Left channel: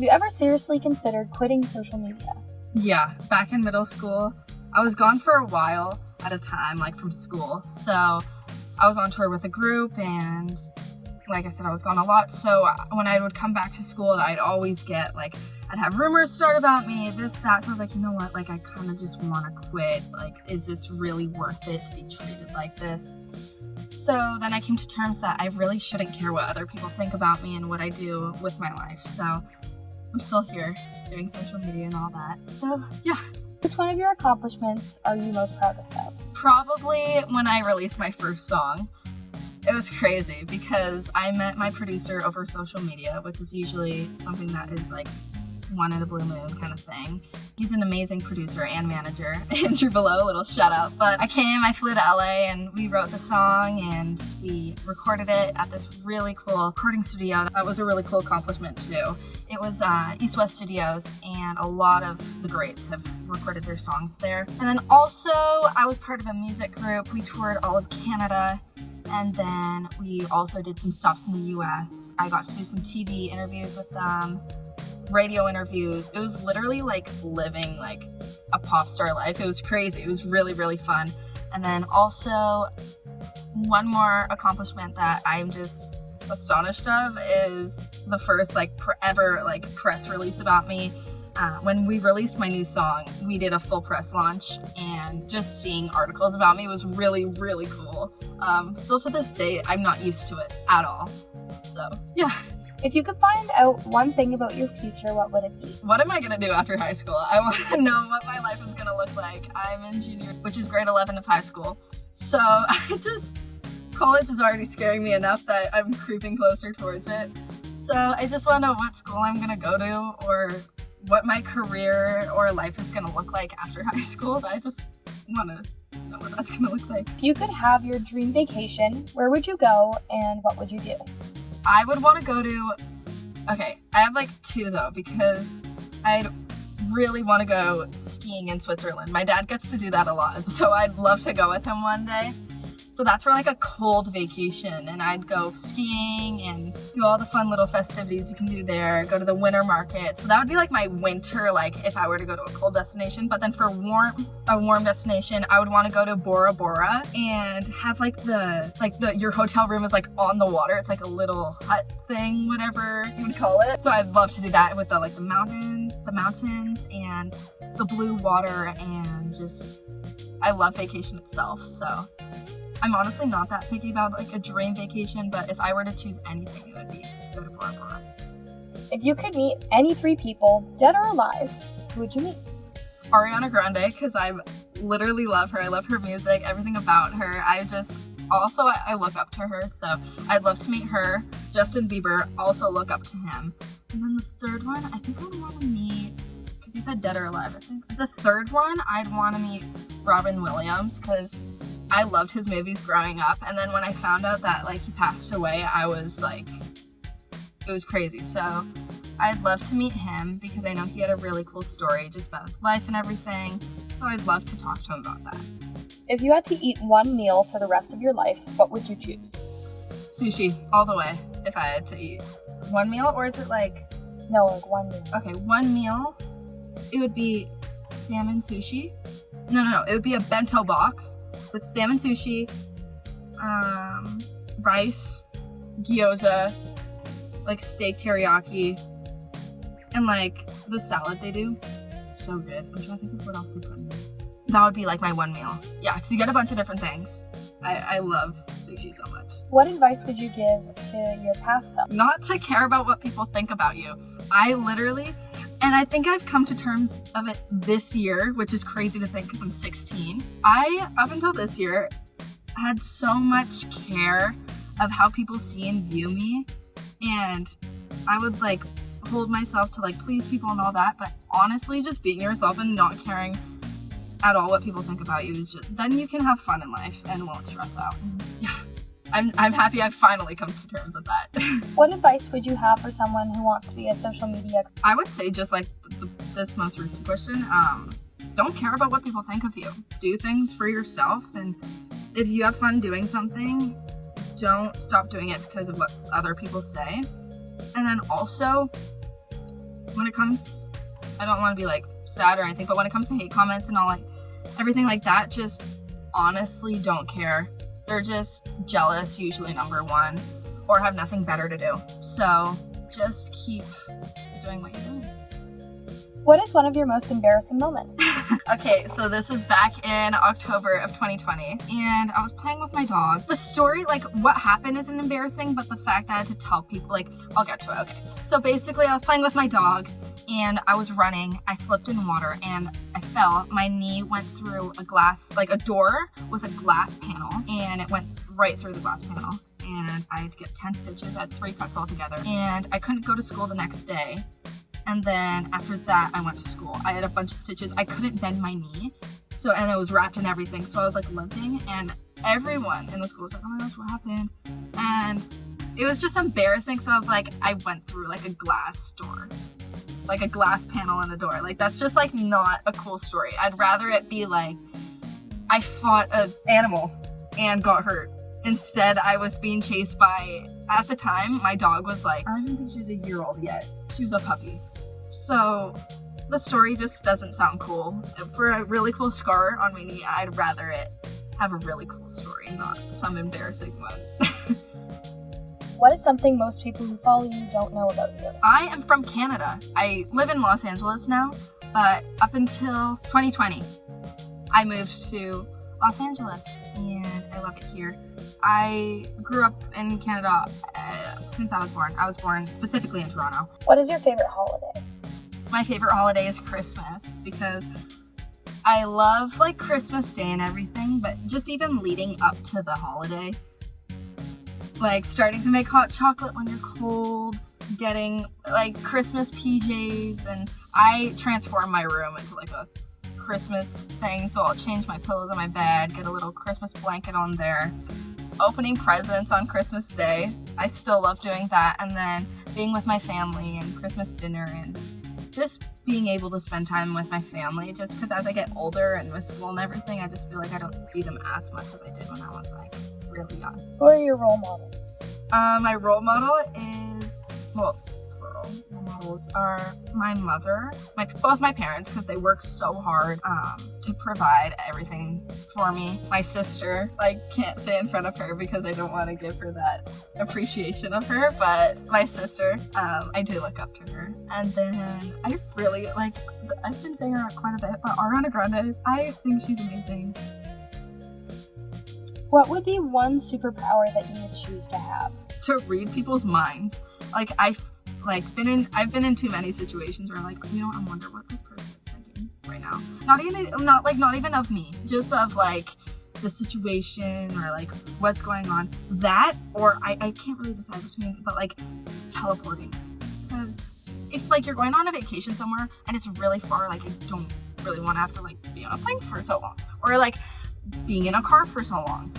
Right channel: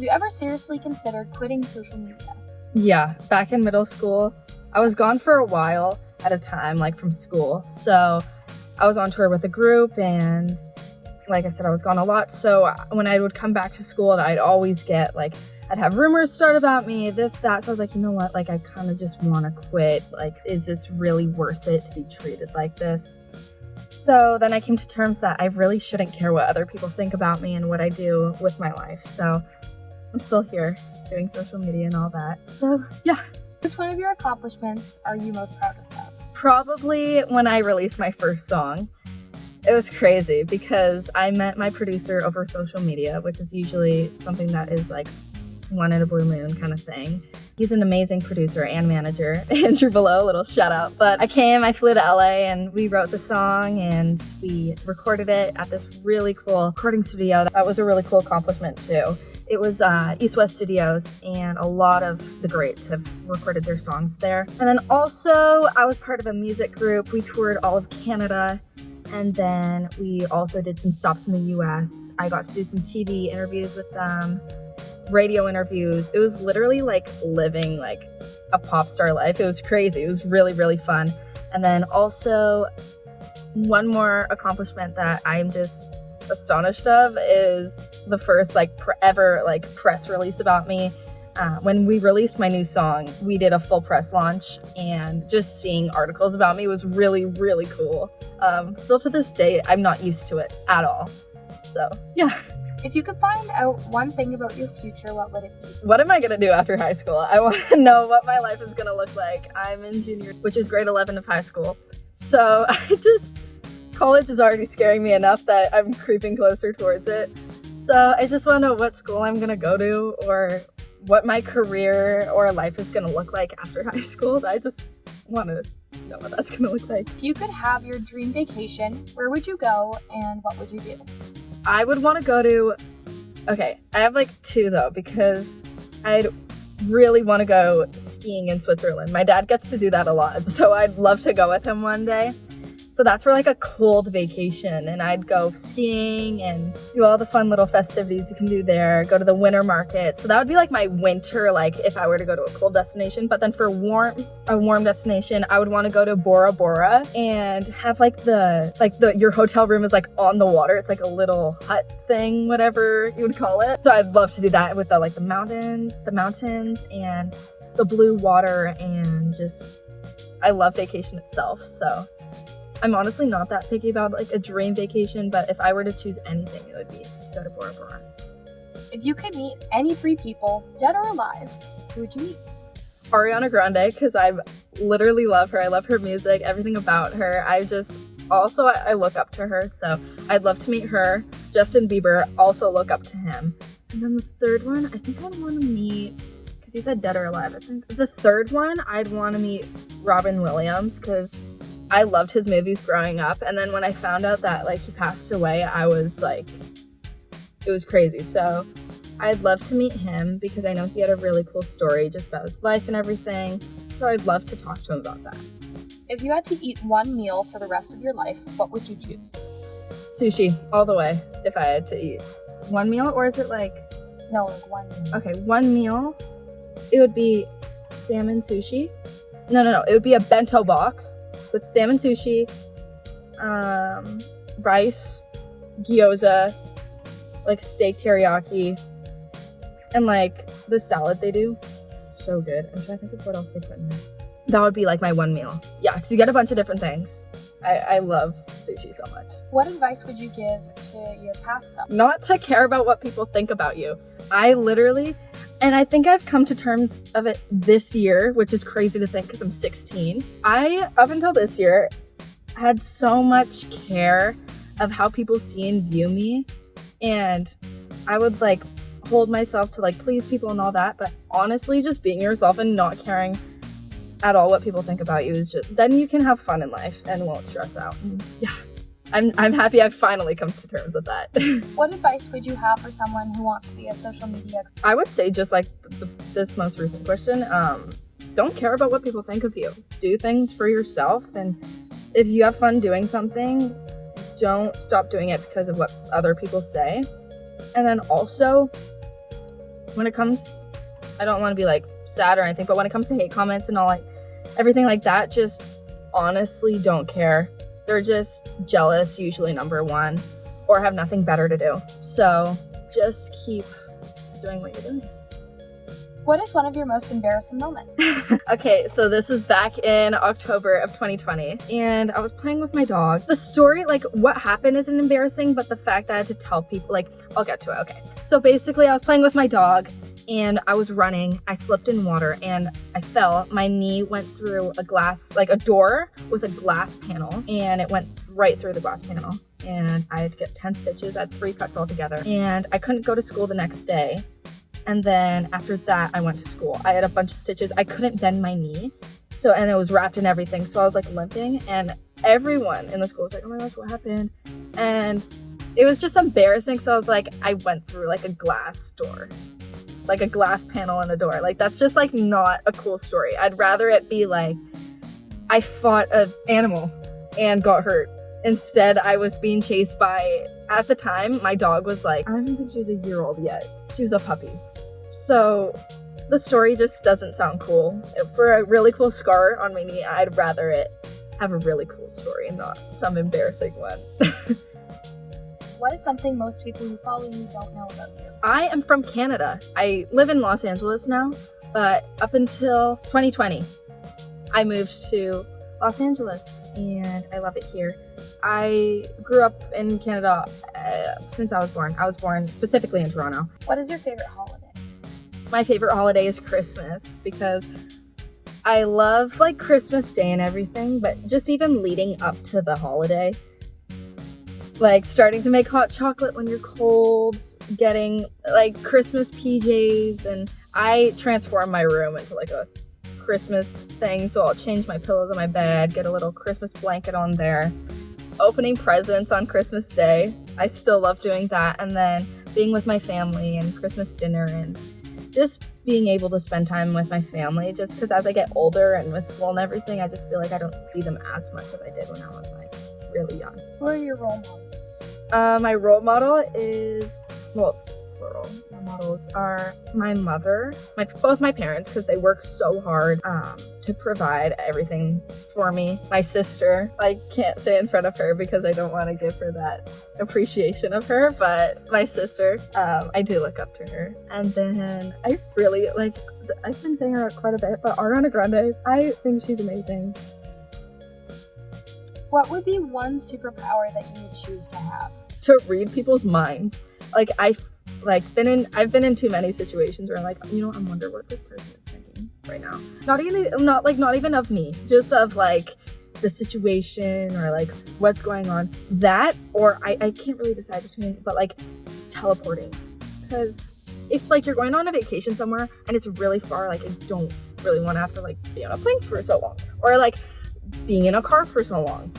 Have you ever seriously considered quitting social media? Yeah, back in middle school, I was gone for a while at a time, like from school. So I was on tour with a group, and like I said, I was gone a lot. So when I would come back to school, I'd always get like, I'd have rumors start about me, this, that. So I was like, you know what? Like, I kind of just want to quit. Like, is this really worth it to be treated like this? So then I came to terms that I really shouldn't care what other people think about me and what I do with my life. So I'm still here doing social media and all that. So yeah. Which one of your accomplishments are you most proudest of? Probably when I released my first song. It was crazy because I met my producer over social media, which is usually something that is like one in a blue moon kind of thing. He's an amazing producer and manager. Andrew below, little shout out. But I flew to LA, and we wrote the song and we recorded it at this really cool recording studio. That was a really cool accomplishment too. It was East West Studios, and a lot of the greats have recorded their songs there. And then also I was part of a music group. We toured all of Canada. And then we also did some stops in the US. I got to do some TV interviews with them, radio interviews. It was literally like living like a pop star life. It was crazy. It was really, really fun. And then also one more accomplishment that I'm just astonished of is the first ever press release about me. When we released my new song, we did a full press launch, and just seeing articles about me was really, really cool. Still to this day, I'm not used to it at all. So, yeah. If you could find out one thing about your future, what would it be? What am I gonna do after high school? I want to know what my life is gonna look like. I'm in junior, which is grade 11 of high school. So college is already scaring me enough that I'm creeping closer towards it. So I just want to know what school I'm gonna go to, or what my career or life is going to look like after high school. I just want to know what that's going to look like. If you could have your dream vacation, where would you go and what would you do? I would want to go to, I have two though, because I'd really want to go skiing in Switzerland. My dad gets to do that a lot, so I'd love to go with him one day. So that's for a cold vacation, and I'd go skiing and do all the fun little festivities you can do there, go to the winter market. So that would be my winter, if I were to go to a cold destination. But then for a warm destination, I would want to go to Bora Bora and have your hotel room is on the water. It's a little hut thing, whatever you would call it. So I'd love to do that with the mountains and the blue water, and just, I love vacation itself. So I'm honestly not that picky about a dream vacation, but if I were to choose anything, it would be to go to Bora Bora. If you could meet any 3 people, dead or alive, who would you meet? Ariana Grande, because I literally love her. I love her music, everything about her. I look up to her, so I'd love to meet her. Justin Bieber, also look up to him. And then the third one, I think I'd want to meet, because you said dead or alive, I think. The third one, I'd want to meet Robin Williams, because I loved his movies growing up, and then when I found out that he passed away, I was it was crazy. So I'd love to meet him because I know he had a really cool story just about his life and everything. So I'd love to talk to him about that. If you had to eat one meal for the rest of your life, what would you choose? Sushi, all the way, if I had to eat. One meal, or is it No, one meal. Okay, one meal. It would be salmon sushi. No, it would be a bento box with salmon sushi, rice, gyoza, steak teriyaki, and the salad they do. So good. I'm trying to think of what else they put in there. That would be my one meal. Yeah, because you get a bunch of different things. I love sushi so much. What advice would you give to your past self? Not to care about what people think about you. And I think I've come to terms of it this year, which is crazy to think because I'm 16. Up until this year, had so much care of how people see and view me. And I would hold myself to please people and all that. But honestly, just being yourself and not caring at all what people think about you is then you can have fun in life and won't stress out. Yeah. I'm happy I've finally come to terms with that. What advice would you have for someone who wants to be a social media? I would say just this most recent question, don't care about what people think of you. Do things for yourself, and if you have fun doing something, don't stop doing it because of what other people say. And then also, when it comes, I don't want to be like sad or anything, but when it comes to hate comments and all like everything like that, just honestly don't care. They're just jealous, usually number one, or have nothing better to do. So just keep doing what you're doing. What is one of your most embarrassing moments? Okay, so this was back in October of 2020, and I was playing with my dog. The story, like what happened isn't embarrassing, but the fact that I had to tell people, like, I'll get to it, okay. So basically I was playing with my dog and I was running, I slipped in water and I fell. My knee went through a glass, like a door with a glass panel, and it went right through the glass panel. And I had to get 10 stitches, I had 3 cuts altogether, and I couldn't go to school the next day. And then after that, I went to school. I had a bunch of stitches. I couldn't bend my knee. So, and it was wrapped in everything. So I was like limping, and everyone in the school was like, oh my gosh, what happened? And it was just embarrassing. So I was like, I went through like a glass door, like a glass panel in a door. Like that's just like not a cool story. I'd rather it be like, I fought an animal and got hurt. Instead, I was being chased by, at the time, my dog was like, I don't even think she was a year old yet. She was a puppy. So the story just doesn't sound cool. For a really cool scar on my knee, I'd rather it have a really cool story and not some embarrassing one. What is something most people who follow you don't know about you? I am from Canada. I live in Los Angeles now, but up until 2020, I moved to Los Angeles and I love it here. I grew up in Canada since I was born. I was born specifically in Toronto. What is your favorite holiday? My favorite holiday is Christmas because I love like Christmas Day and everything, but just even leading up to the holiday, like starting to make hot chocolate when you're cold, getting like Christmas PJs, and I transform my room into like a Christmas thing, so I'll change my pillows on my bed, get a little Christmas blanket on there, opening presents on Christmas Day. I still love doing that, and then being with my family and Christmas dinner and just being able to spend time with my family, just because as I get older and with school and everything, I just feel like I don't see them as much as I did when I was like really young. Who are your role models? My role model is, well, plural. My models are my mother, both my parents, because they work so hard to provide everything for me. My sister, I can't say in front of her because I don't want to give her that appreciation of her, but my sister, I do look up to her. And then I really like, I've been saying her quite a bit, but Ariana Grande, I think she's amazing. What would be one superpower that you would choose to have? To read people's minds. Like I've been in too many situations where I'm like, you know, I wonder what this person is thinking right now. Not even of me, just of like the situation or like what's going on. That, or I can't really decide between, but like teleporting. Because if like you're going on a vacation somewhere and it's really far, like I don't really want to have to like be on a plane for so long, or like being in a car for so long.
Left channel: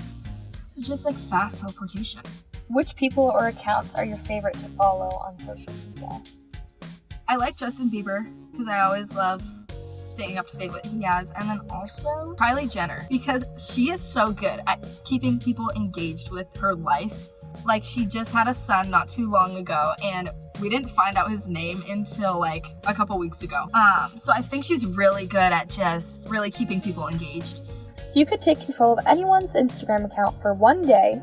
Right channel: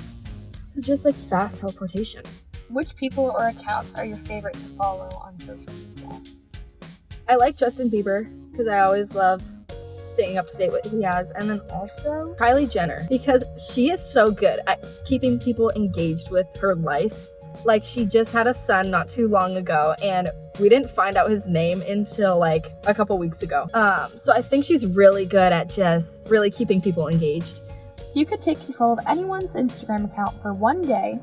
So just like fast teleportation. Which people or accounts are your favorite to follow on social media? I like Justin Bieber because I always love staying up to date with what he has, and then also Kylie Jenner because she is so good at keeping people engaged with her life. Like she just had a son not too long ago, and we didn't find out his name until like a couple weeks ago. So I think she's really good at just really keeping people engaged. If you could take control of anyone's Instagram account for one day,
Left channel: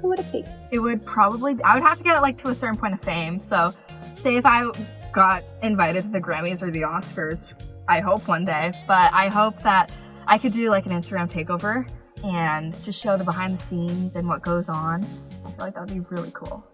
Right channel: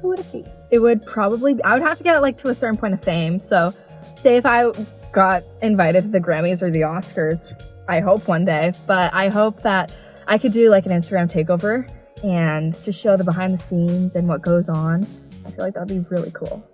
who would it be? It would probably, I would have to get it like to a certain point of fame. So say if I got invited to the Grammys or the Oscars, I hope one day, but I hope that I could do like an Instagram takeover and just show the behind the scenes and what goes on. I feel like that would be really cool.